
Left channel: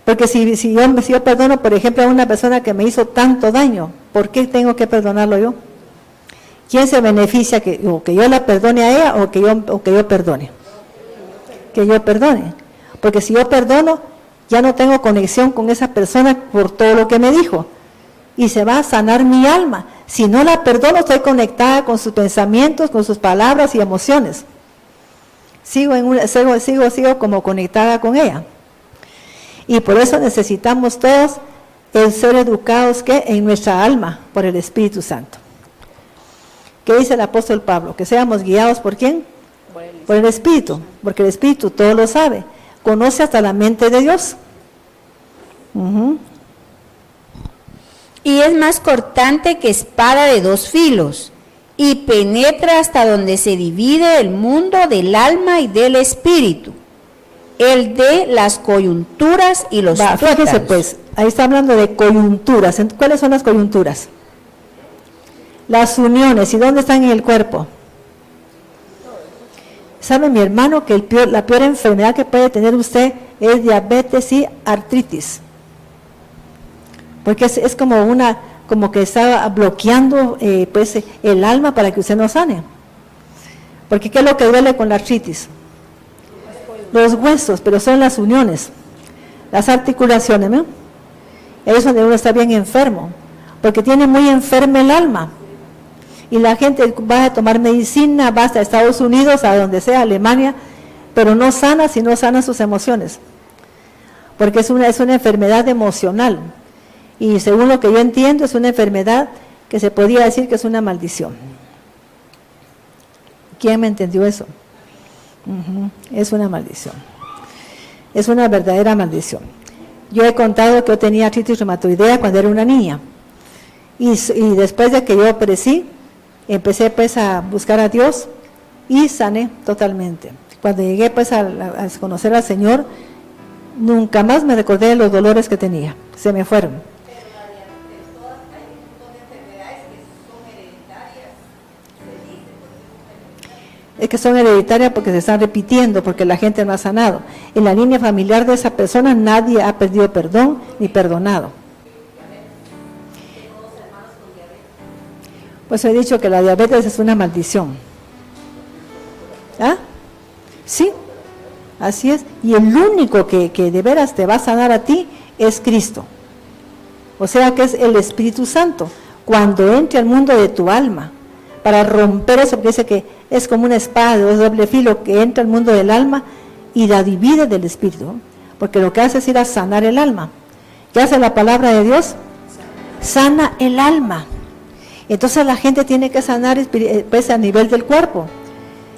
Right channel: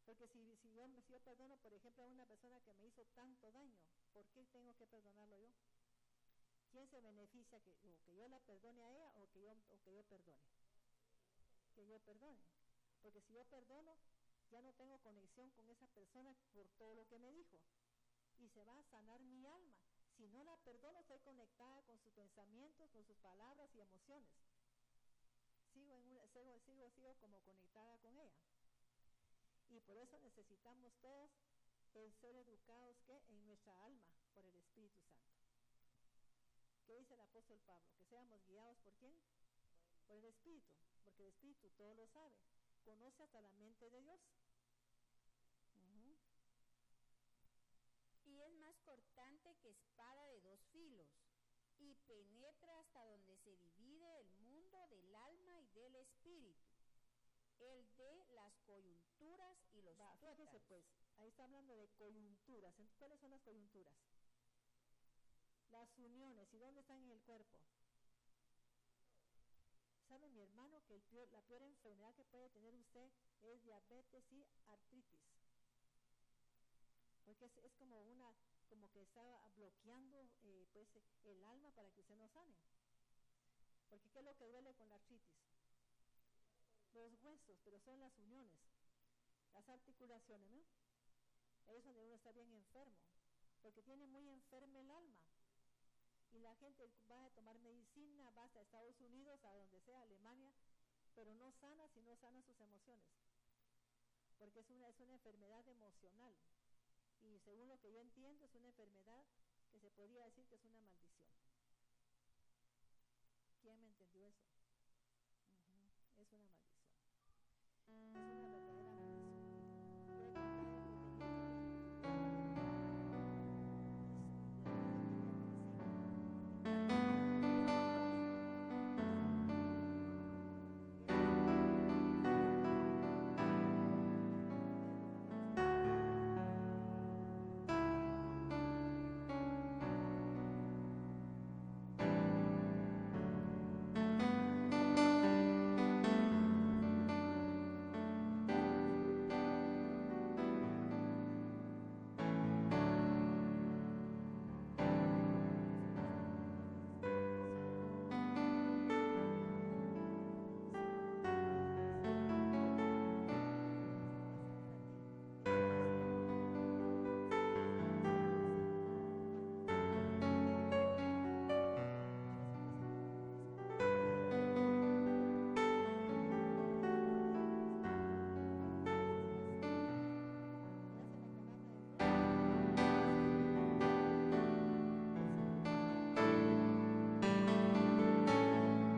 Porque si yo perdono, por ejemplo, a una persona que me hizo tanto daño, ¿por qué tengo que perdonarlo yo? ¿Quién se beneficia que yo la perdone a ella o que yo perdone? Que yo perdone. Porque si yo perdono, ya no tengo conexión con esa persona por todo lo que me dijo. Y se va a sanar mi alma. Si no la perdono, estoy conectada con sus pensamientos, con sus palabras y emociones. Sigo como conectada con ella. Y por eso necesitamos todos el ser educados en nuestra alma por el Espíritu Santo. ¿Qué dice el apóstol Pablo? Que seamos guiados ¿por quién? Por el Espíritu, porque el Espíritu todo lo sabe, conoce hasta la mente de Dios. Y es más cortante que espada de 2 filos, y penetra hasta donde se divide el mundo del alma y del espíritu, el de las coyunturas y los tuétanos. Fíjese pues, ahí está hablando de coyunturas. ¿Cuáles son las coyunturas? Las uniones. ¿Y dónde están en el cuerpo? ¿Sabe mi hermano que la peor enfermedad que puede tener usted es diabetes y artritis? Porque es como que está bloqueando pues el alma para que usted no sane. Porque ¿qué es lo que duele con la artritis? Los huesos, pero son las uniones, las articulaciones, ¿no? Ahí es donde uno está bien enfermo, porque tiene muy enferma el alma. Y la gente va a tomar medicina, va hasta Estados Unidos, a donde sea, Alemania, pero no sana si no sana sus emociones. Porque es una enfermedad emocional. Y según lo que yo entiendo, es una enfermedad que se podría decir que es una maldición. ¿Quién me entendió eso? Es una maldición. Es una verdadera maldición. Yo he contado que yo tenía artritis reumatoidea cuando era una niña. Y después de que yo crecí, empecé pues a buscar a Dios y sané totalmente. Cuando llegué pues a conocer al Señor, nunca más me recordé de los dolores que tenía. Se me fueron. Es que son hereditarias porque se están repitiendo, porque la gente no ha sanado. En la línea familiar de esa persona nadie ha perdido perdón ni perdonado. Pues he dicho que la diabetes es una maldición. ¿Ah? Sí, así es. Y el único que de veras te va a sanar a ti es Cristo. O sea que es el Espíritu Santo. Cuando entre al mundo de tu alma, para romper eso, porque dice que es como una espada de doble filo que entra al mundo del alma y la divide del espíritu, porque lo que hace es ir a sanar el alma. ¿Qué hace la palabra de Dios? Sana el alma. Entonces la gente tiene que sanar pues, a nivel del cuerpo.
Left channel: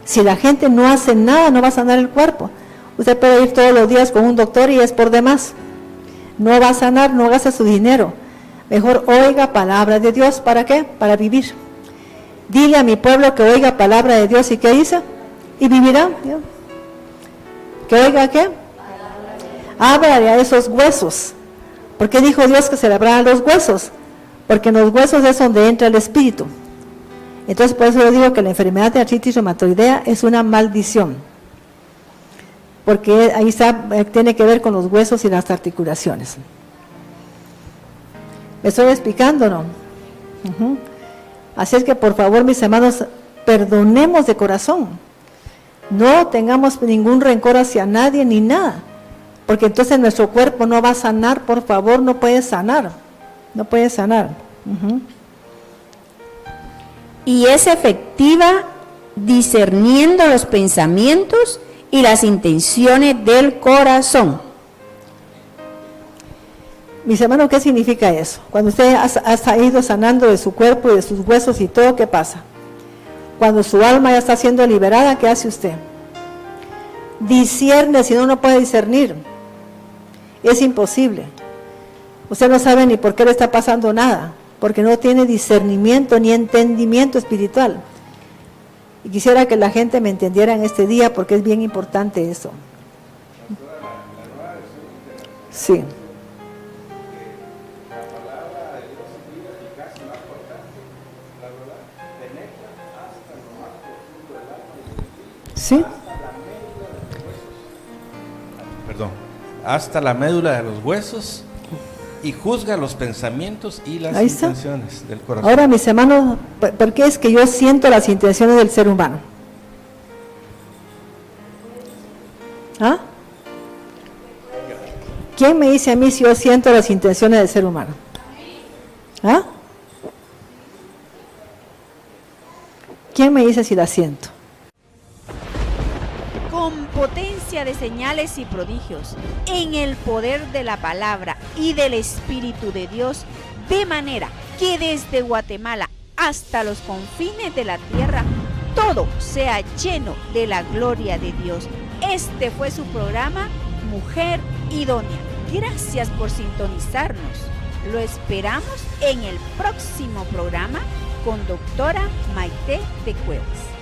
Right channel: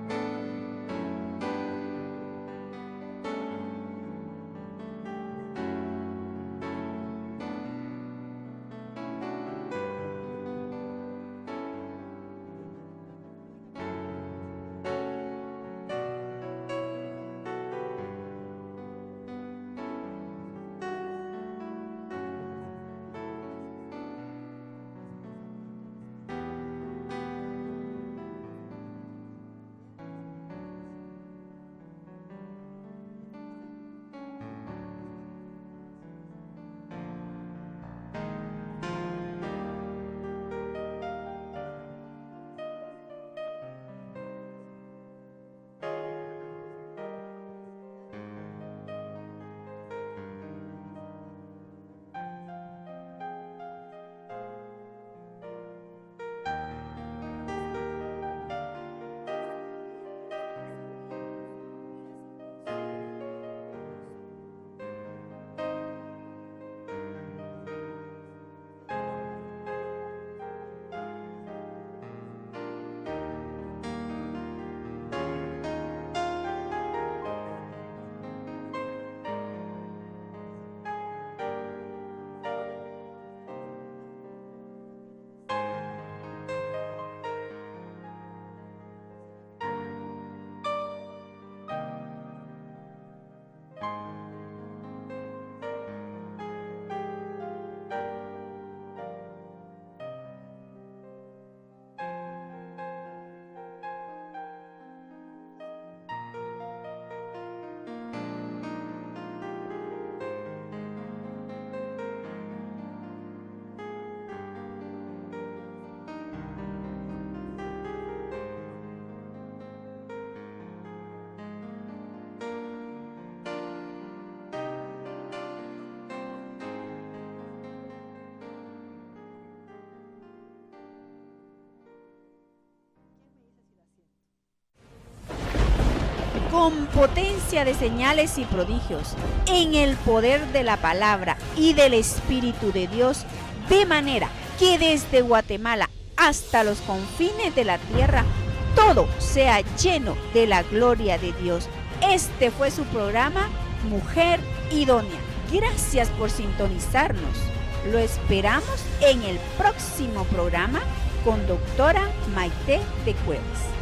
Si la gente no hace nada, no va a sanar el cuerpo. Usted puede ir todos los días con un doctor y es por demás. No va a sanar, no gasta su dinero. Mejor oiga palabra de Dios. ¿Para qué? Para vivir. Dile a mi pueblo que oiga palabra de Dios. ¿Y qué dice? Y vivirá. ¿Que oiga qué? Ábrale a esos huesos. ¿Por qué dijo Dios que se le abrieran los huesos? Porque en los huesos es donde entra el espíritu. Entonces por eso yo digo que la enfermedad de artritis reumatoidea es una maldición. Porque ahí tiene que ver con los huesos y las articulaciones. ¿Me estoy explicando, no? Así es que por favor, mis hermanos, perdonemos de corazón. No tengamos ningún rencor hacia nadie ni nada. Porque entonces nuestro cuerpo no va a sanar, por favor, no puede sanar. No puede sanar. Y es efectiva discerniendo los pensamientos y las intenciones del corazón. Mis hermanos, ¿qué significa eso? Cuando usted ha ido sanando de su cuerpo y de sus huesos y todo, ¿qué pasa? Cuando su alma ya está siendo liberada, ¿qué hace usted? Discierne, si no, no puede discernir. Es imposible. Usted no sabe ni por qué le está pasando nada. porque no tiene discernimiento ni entendimiento espiritual. Y quisiera que la gente me entendiera en este día, porque es bien importante eso. Sí. ¿Sí? Perdón. Hasta la médula de los huesos y juzga los pensamientos y las Ahí está. intenciones del corazón. Ahora, mis hermanos, ¿por qué es que yo siento las intenciones del ser humano? ¿Ah? ¿Quién me dice a mí si yo siento las intenciones del ser humano? ¿Ah? ¿Quién me dice si las siento? Con potencia de señales y prodigios, en el poder de la palabra y del Espíritu de Dios, de manera que desde Guatemala hasta los confines de la tierra, todo sea lleno de la gloria de Dios. Este fue su programa, Mujer Idónea. Gracias por sintonizarnos. Lo esperamos en el próximo programa con doctora Maite de Cuevas.